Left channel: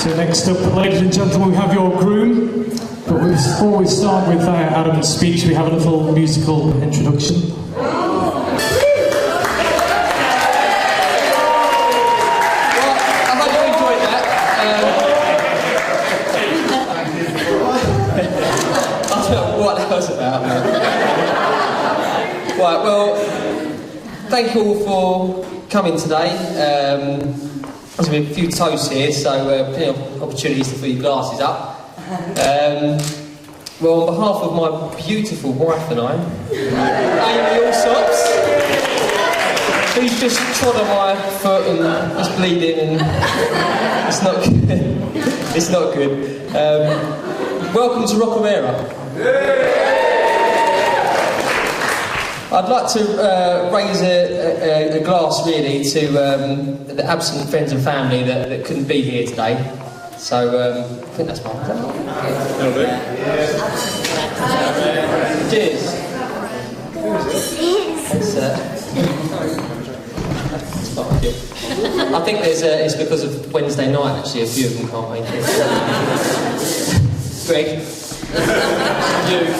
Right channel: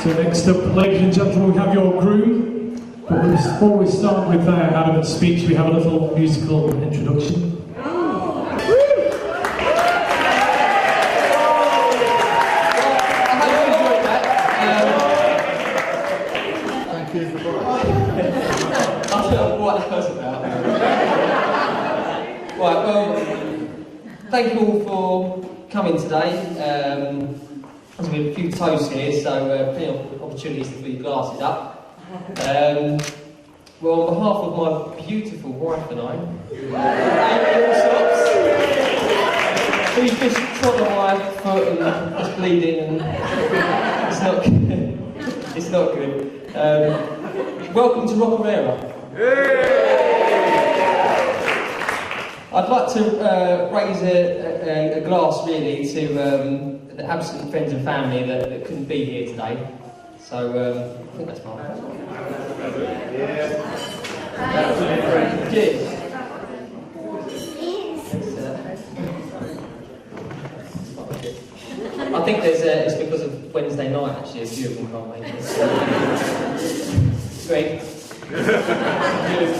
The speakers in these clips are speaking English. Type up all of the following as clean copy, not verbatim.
So next up, ladies and gentlemen, we have your groom. But before we start with Adam's speech, we have a little musical introduction. Right, well, thank you all for coming today. There's been a few toasts here, so plenty of opportunities to fill your glasses up. Well, on behalf of my beautiful wife and I, Amy Allsops, who's just trod on my foot and is bleeding, and it's not good. It's not good. Welcome to Rockerera. I'd like to raise a glass, really, to the absent friends and family that couldn't be here today. So, I think that's fine. Is that fine? Cheers. I think it's because of Wednesday night, actually. A few of them can't make it. Greg. You.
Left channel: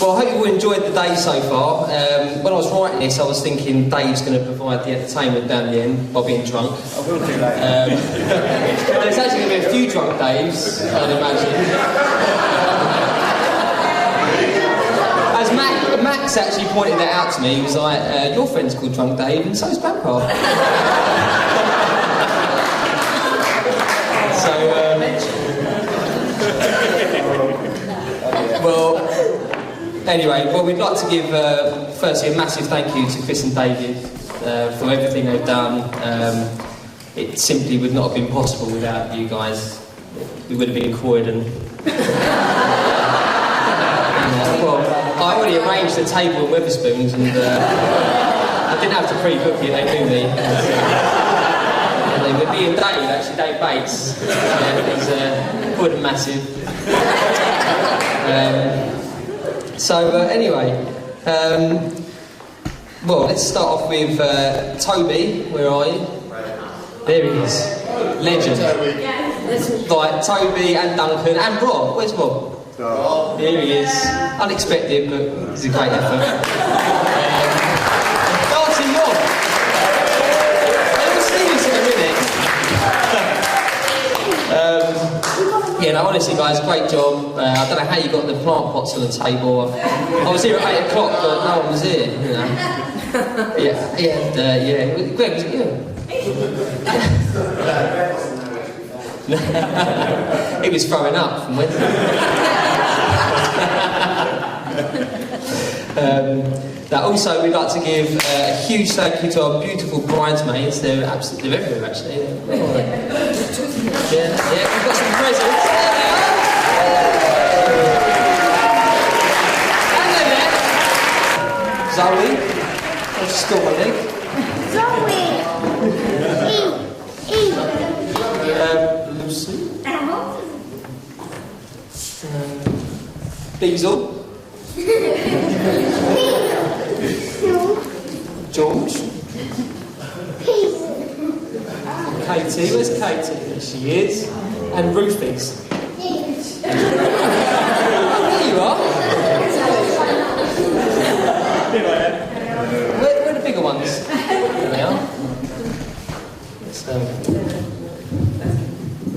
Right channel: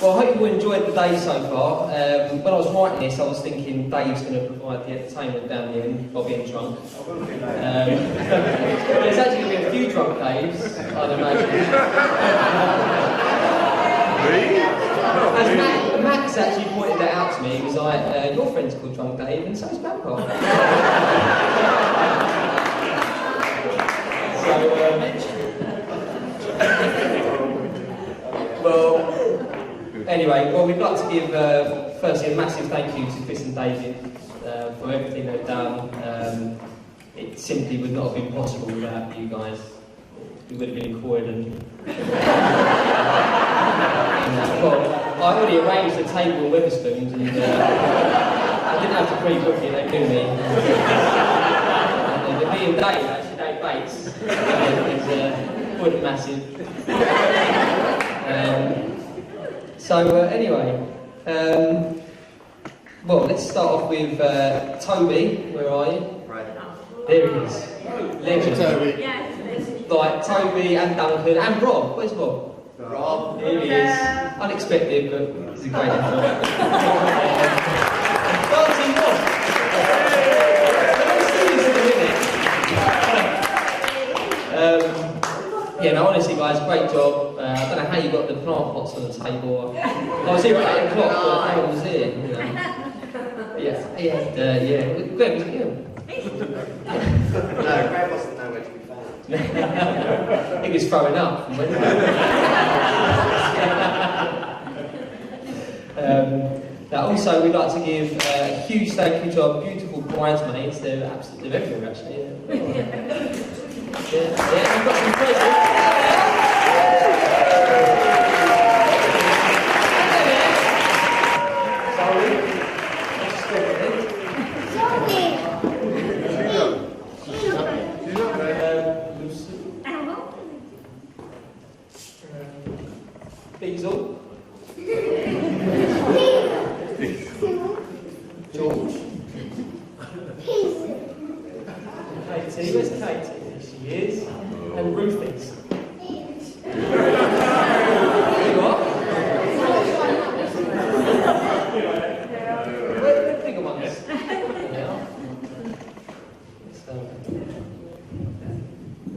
Well, I hope you all enjoyed the day so far. When I was writing this, I was thinking Dave's going to provide the entertainment down the end by being drunk. I will do that. There's actually going to be a few drunk Daves, I'd imagine. As Max actually pointed that out to me, he was like, your friend's called Drunk Dave, and so's Grandpa. Anyway, well, we'd like to give, firstly, a massive thank you to Chris and David for everything they've done. It simply would not have been possible without you guys. We would have been in Croydon. Well, I already arranged the table in Wetherspoons, and I didn't have to pre-cook it, they knew me. And me and Dave, actually, Dave Bates, it was Croydon massive. Anyway, well, let's start off with Toby. Where are you? There he is. Legend. Right, Toby and Duncan and Rob. Where's Rob? Here he is. Unexpected, but it's a great effort. Dancing Rob. Let's see this in a minute. Yeah, no, honestly, guys, great job. I don't know how you got the plant pots on the table. I was here at 8 o'clock, but no one was here, you know. Yeah. Greg, was it you? He was throwing up from Wednesday. Now, also, we'd like to give a huge thank you to our beautiful bridesmaids. They're everywhere, actually. Yeah, we've got some presents. Zoe, what's your school, I think? Zoe. Lucy. Diesel. George. Katie, where's Katie? There she is. And Rufus. There you are. Where are the bigger ones? There they are.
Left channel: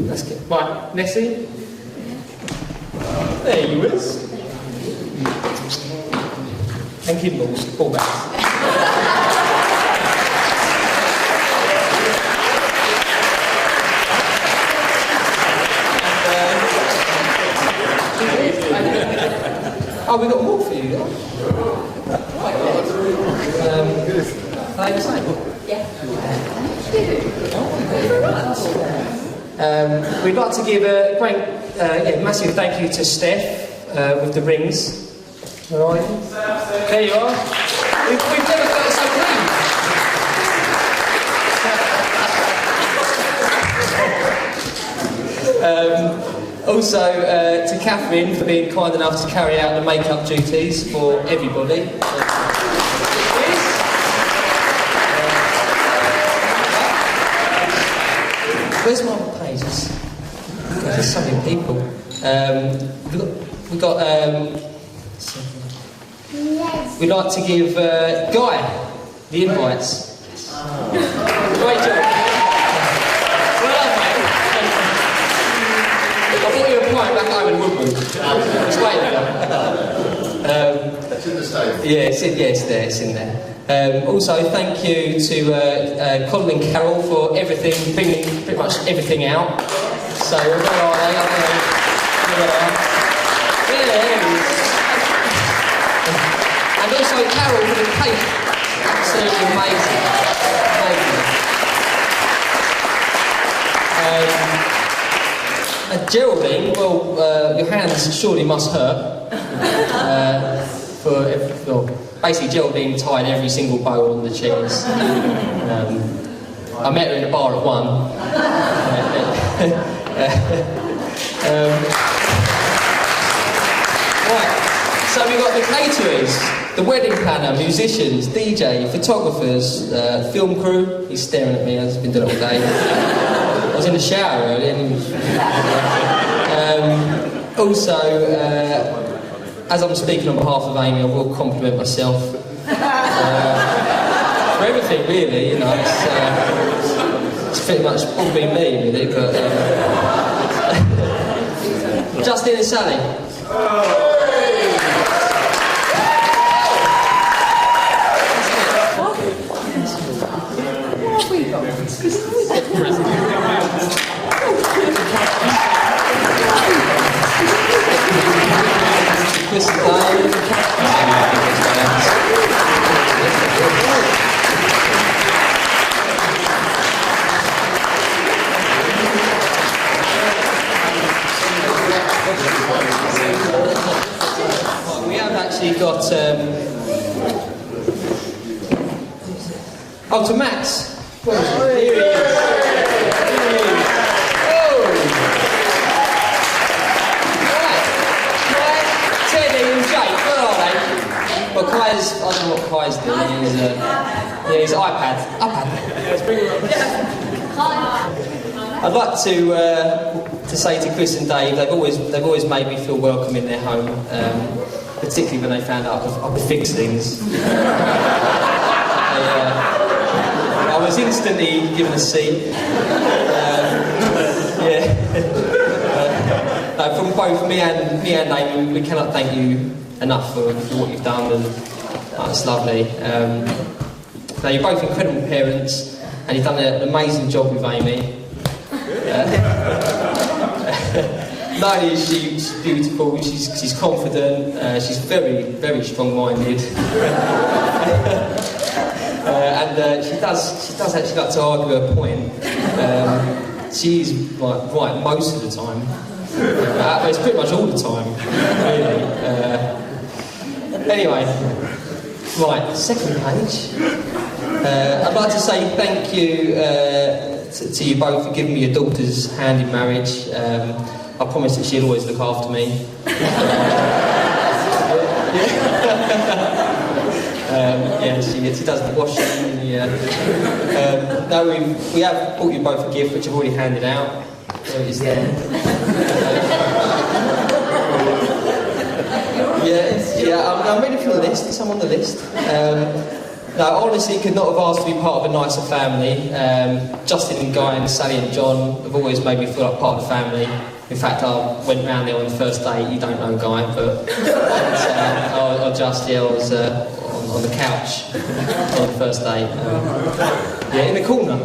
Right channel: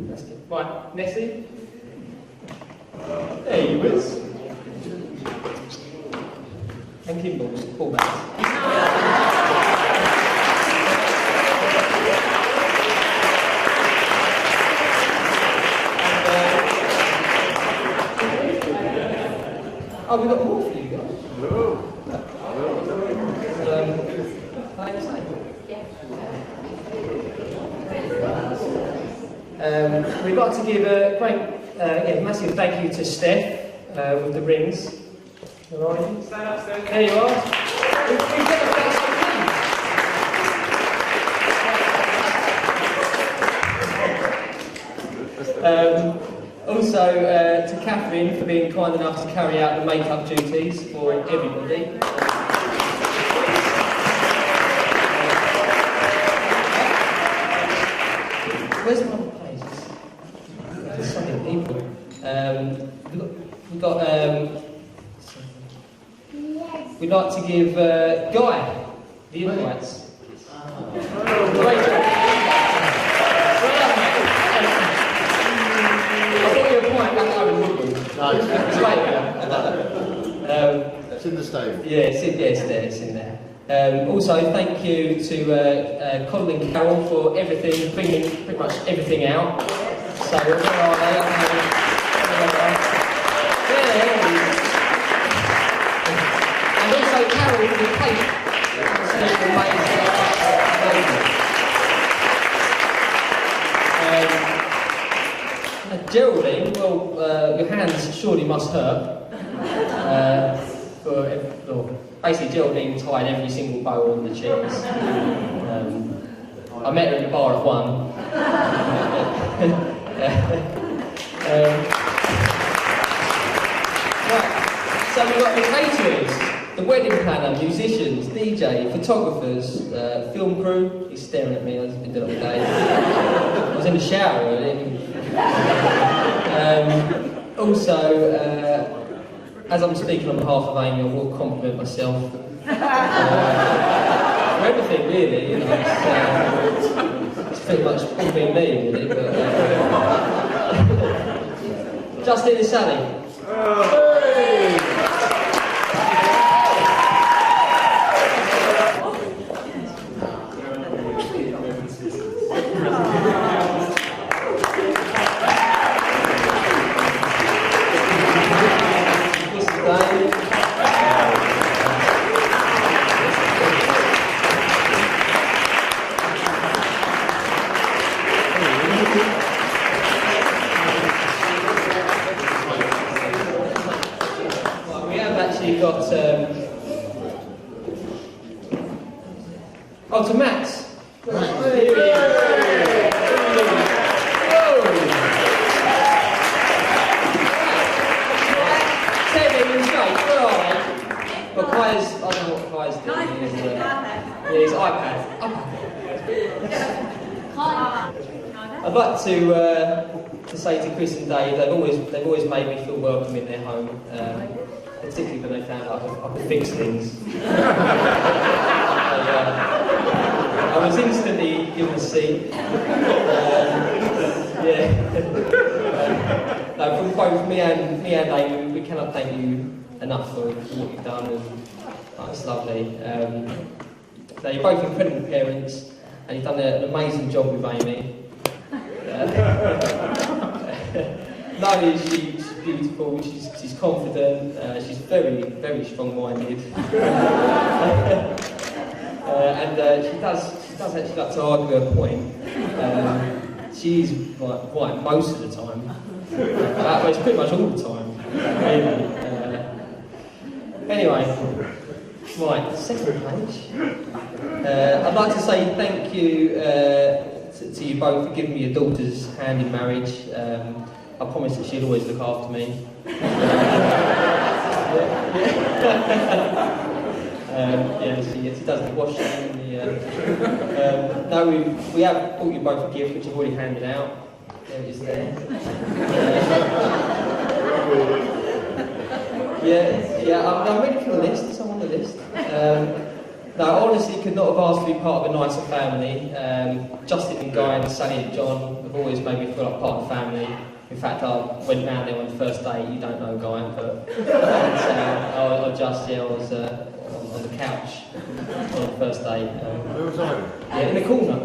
Let's get... Right, Nessie. There you is. And Kimballs, ball bags. Oh, we've got more for you, though. We'd like to give a great, massive thank you to Steph with the rings. Where are you? There you are. We've never got some rings. Also, to Catherine for being kind enough to carry out the makeup duties for everybody. Where's my pages? There's so many people. We'd like to give Guy the invites. Great job. I thought you were playing back home in Woodman. It's great there. That's in the stable. Yeah, it's there, it's in there. Also, thank you to Colin and Carol for everything, bringing pretty much everything out. So, where are they? I don't know. Where are they? Yeah, there it is. And also Carol for the cake. Absolutely amazing. Geraldine, well, your hands surely must hurt. Basically, Geraldine tied every single bow on the chairs. I met her in a bar at 1. Right, so we've got the caterers, the wedding planner, musicians, DJ, photographers, film crew. He's staring at me, I've just been doing it all day. I was in the shower earlier. Also, as I'm speaking on behalf of Amy, I will compliment myself for everything, really. You know, it's pretty much all been me, really. But Justin and Sally. We have actually got oh, to Max. Here he is. Well, Kai's, I don't know what Kai's doing. He's iPad. I'd like to say to Chris and Dave, they've always made me feel welcome in their home, particularly when they found out I could fix things. I was instantly given a seat. From both me and Amy, we cannot thank you enough for what you've done, and it's lovely. Now, you're both incredible parents, and you've done an amazing job with Amy. Not only is she's beautiful, she's confident, she's very, very strong-minded. And she does actually like to argue her point. She's right most of the time. But it's pretty much all the time, really. Anyway, right, second page. I'd like to say thank you to you both for giving me your daughter's hand in marriage. I promised that she'd always look after me. She does the washing. No, we have bought you both a gift, which I've already handed out. There it is there. I'm ready for the list. I'm on the list. No, honestly, could not have asked to be part of a nicer family. Justin and Guy and Sally and John have always made me feel like part of the family. In fact, I went round there on the first date. You don't know Guy, but I was on the couch on the first date. In the corner.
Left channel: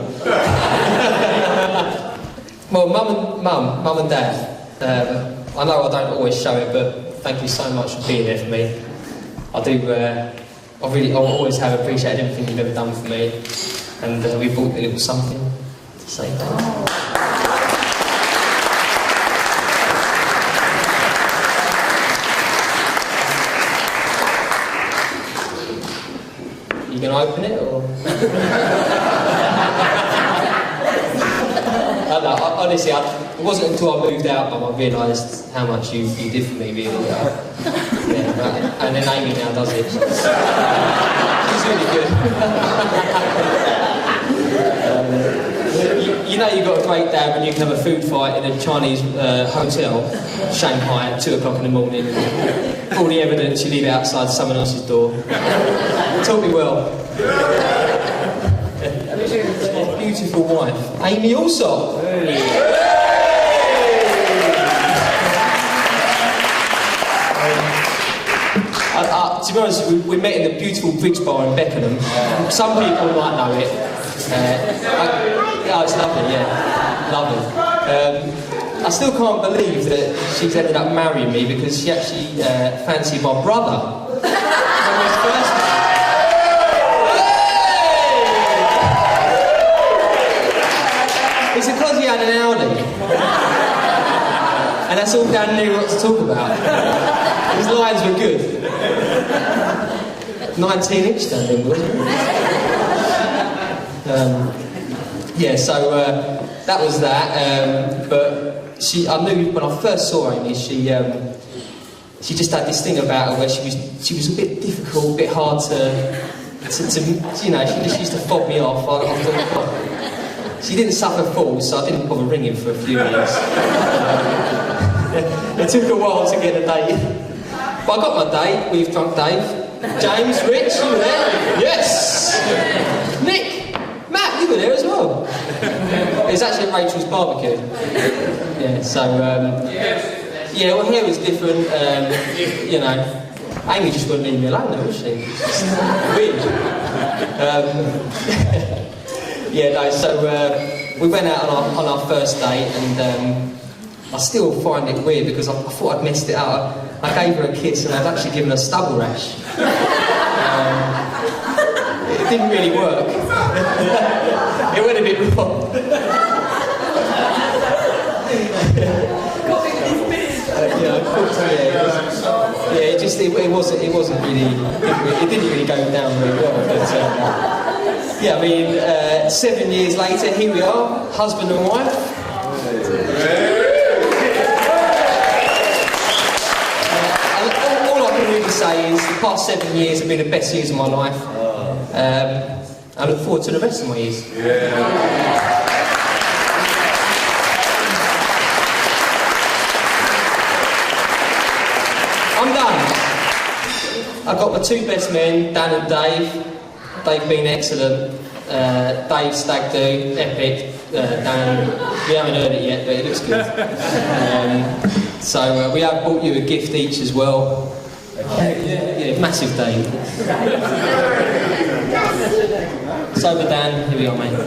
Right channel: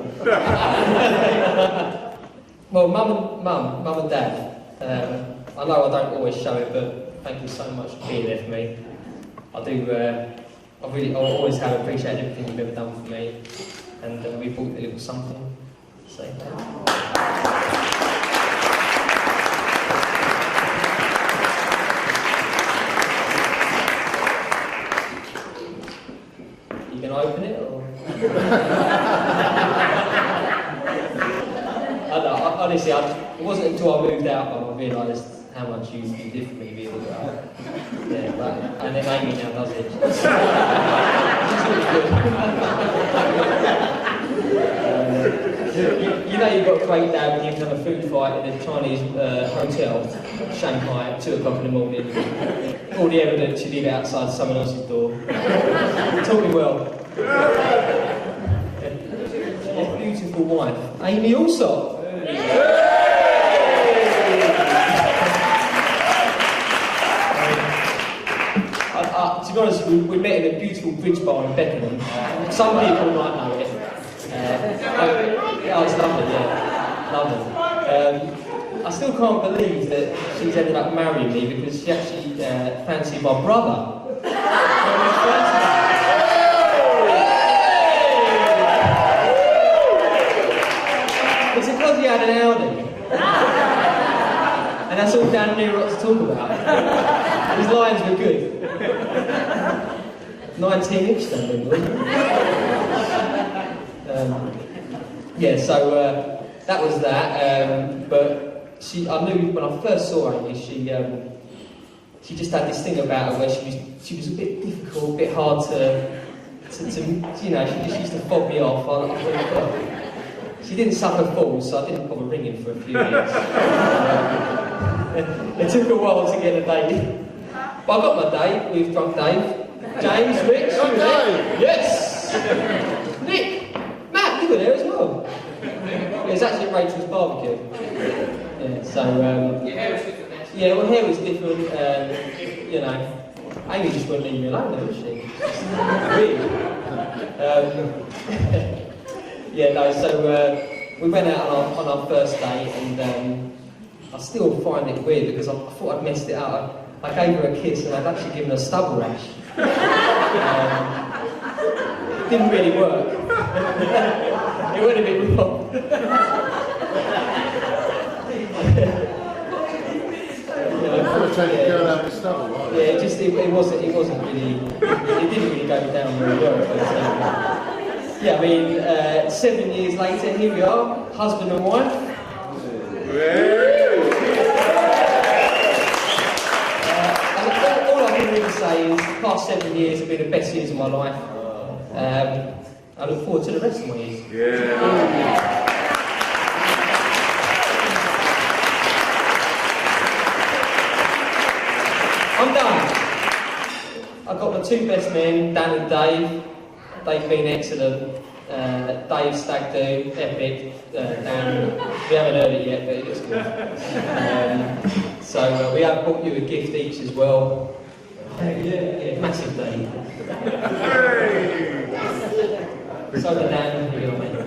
Well, mum and dad. I know I don't always show it, but thank you so much for being there for me. I do. I always have appreciated everything you've ever done for me, and we bought a little something to say thanks. You gonna open it or? Honestly, it wasn't until I moved out that I realised how much you did for me, really. And then Amy now does it. She's really good. You know you've got to great dad when you can have a food fight in a Chinese hotel, Shanghai, at 2 o'clock in the morning. All the evidence you leave it outside someone else's door. Taught me well. Beautiful wife, Amy Allsop. To be honest, we met in the beautiful Bridge Bar in Beckenham. Some people might know it. Oh, it's lovely, yeah. Lovely. I still can't believe that she's ended up marrying me because she actually fancied my brother. It's because he had an Audi. And that's all Dan knew what to talk about. His lines were good. 19-inch, I think, wasn't it? Yeah, so that was that. But I knew when I first saw Amy, she just had this thing about her where she was a bit difficult, a bit hard to you know, she just used to fob me off. I thought, well, she didn't suffer fools, so I didn't bother ringing for a few years. It took a while to get a date. But I got my date with Drunk Dave. James, Rich, you were there? Yes! Nick! Matt, you were there as well. It was actually at Rachel's barbecue. Yeah, so, yeah, well, hair was different, you know. Amy just wouldn't leave me alone though, would she? Weird. Yeah, no, so we went out on our first date and I still find it weird because I thought I'd messed it up. I gave her a kiss and I've actually given her a stubble rash. It didn't really work. It went a bit wrong. It didn't really go down very well. But yeah, I mean, 7 years later, here we are, husband and wife. All I can really say is the past 7 years have been the best years of my life. I look forward to the rest of my years. I'm done. I've got my two best men, Dan and Dave. They've been excellent. Dave stag do, epic. Dan, we haven't heard it yet, but it looks good. So we have bought you a gift each as well. Yeah, massive day. Sober Dan, here we are, mate.